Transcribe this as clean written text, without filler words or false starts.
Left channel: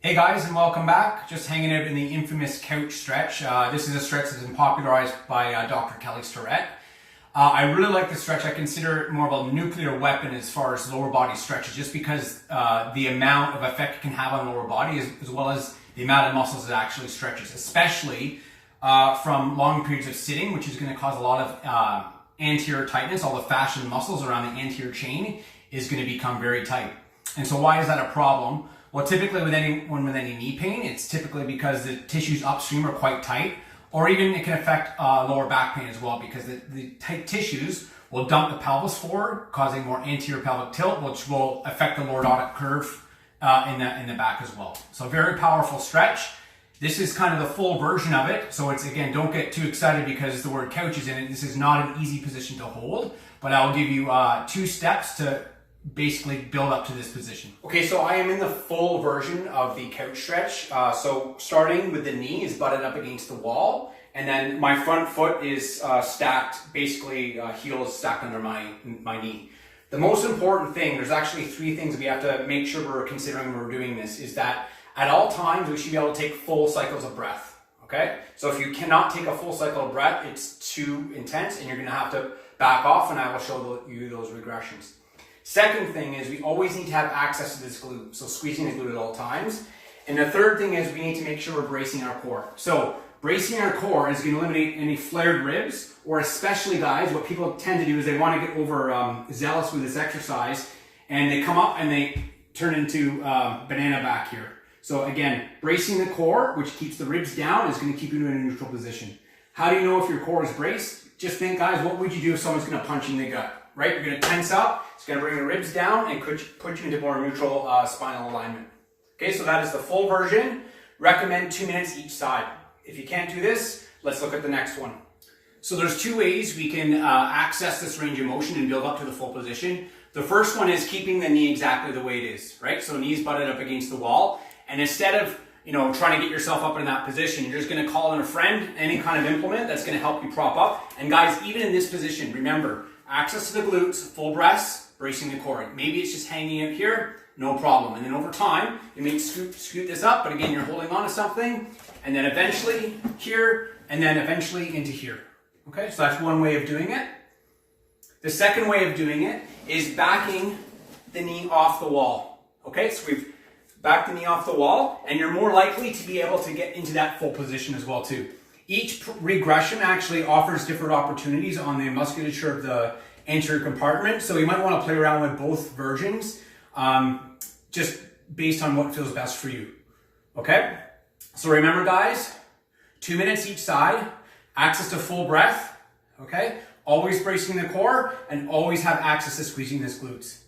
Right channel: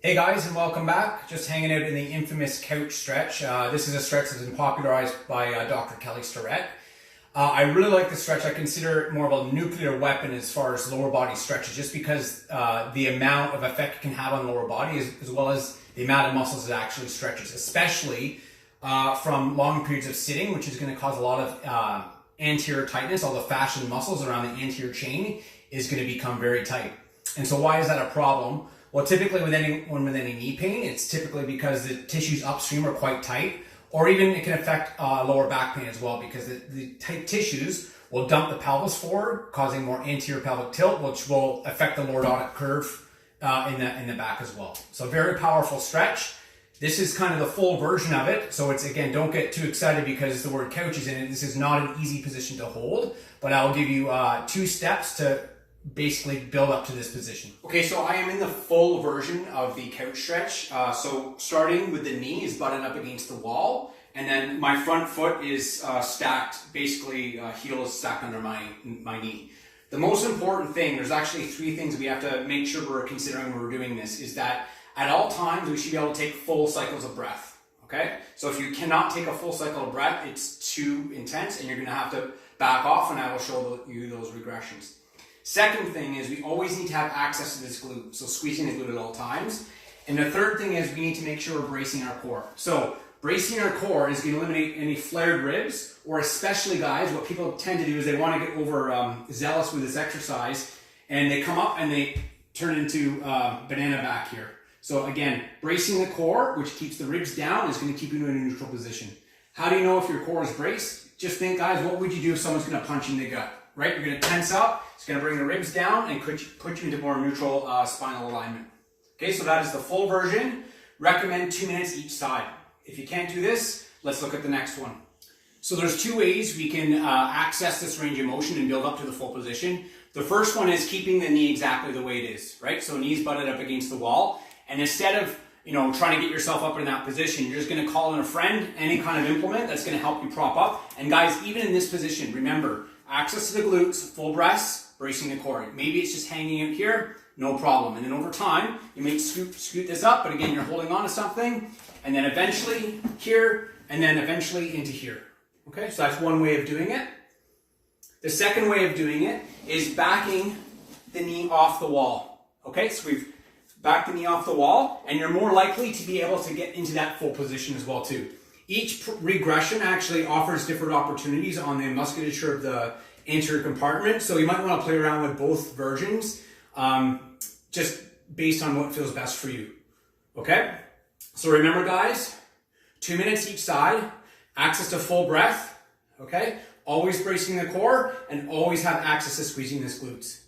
Hey guys, and welcome back. Just hanging out in the infamous couch stretch. This is a stretch that's been popularized by Dr. Kelly Starrett. I really like this stretch. I consider it more of a nuclear weapon as far as lower body stretches, just because the amount of effect it can have on lower body as well as the amount of muscles it actually stretches, especially from long periods of sitting, which is going to cause a lot of anterior tightness. All the fascia and muscles around the anterior chain is going to become very tight. And so why is that a problem? Well, typically with any knee pain, it's typically because the tissues upstream are quite tight, or even it can affect lower back pain as well, because the tight tissues will dump the pelvis forward, causing more anterior pelvic tilt, which will affect the lordotic curve in the back as well. So very powerful stretch. This is kind of the full version of it. So it's, again, don't get too excited because the word couch is in it. This is not an easy position to hold, but I'll give you 2 steps to basically build up to this position. Okay, so I am in the full version of the couch stretch. So starting with the knee is butted up against the wall, and then my front foot is stacked, basically heels stacked under my knee. The most important thing, there's actually 3 things we have to make sure we're considering when we're doing this, is that at all times we should be able to take full cycles of breath. Okay, so if you cannot take a full cycle of breath, it's too intense and you're going to have to back off, and I will show you those regressions. Second thing is we always need to have access to this glute, so squeezing the glute at all times. And the third thing is we need to make sure we're bracing our core. So bracing our core is going to eliminate any flared ribs, or especially, guys, what people tend to do is they want to get over zealous with this exercise, and they come up and they turn into banana back here. So again, bracing the core, which keeps the ribs down, is going to keep you in a neutral position. How do you know if your core is braced? Just think, guys, what would you do if someone's going to punch you in the gut? Right? You're going to tense up. It's going to bring the ribs down and put you into more neutral spinal alignment. Okay, so that is the full version. Recommend 2 minutes each side. If you can't do this, let's look at the next one. So there's 2 ways we can access this range of motion and build up to the full position. The first one is keeping the knee exactly the way it is, right? So knees butted up against the wall. And instead of trying to get yourself up in that position, you're just going to call in a friend, any kind of implement that's going to help you prop up. And guys, even in this position, remember, access to the glutes, full breaths, bracing the core. Maybe it's just hanging out here, no problem. And then over time, you may scoot this up, but again, you're holding on to something, and then eventually here, and then eventually into here. Okay, so that's one way of doing it. The second way of doing it is backing the knee off the wall. Okay, so we've backed the knee off the wall, and you're more likely to be able to get into that full position as well too. Each regression actually offers different opportunities on the musculature of the anterior compartment, so you might want to play around with both versions, just based on what feels best for you. Okay? So remember, guys, 2 minutes each side, access to full breath, okay? Always bracing the core, and always have access to squeezing the glutes.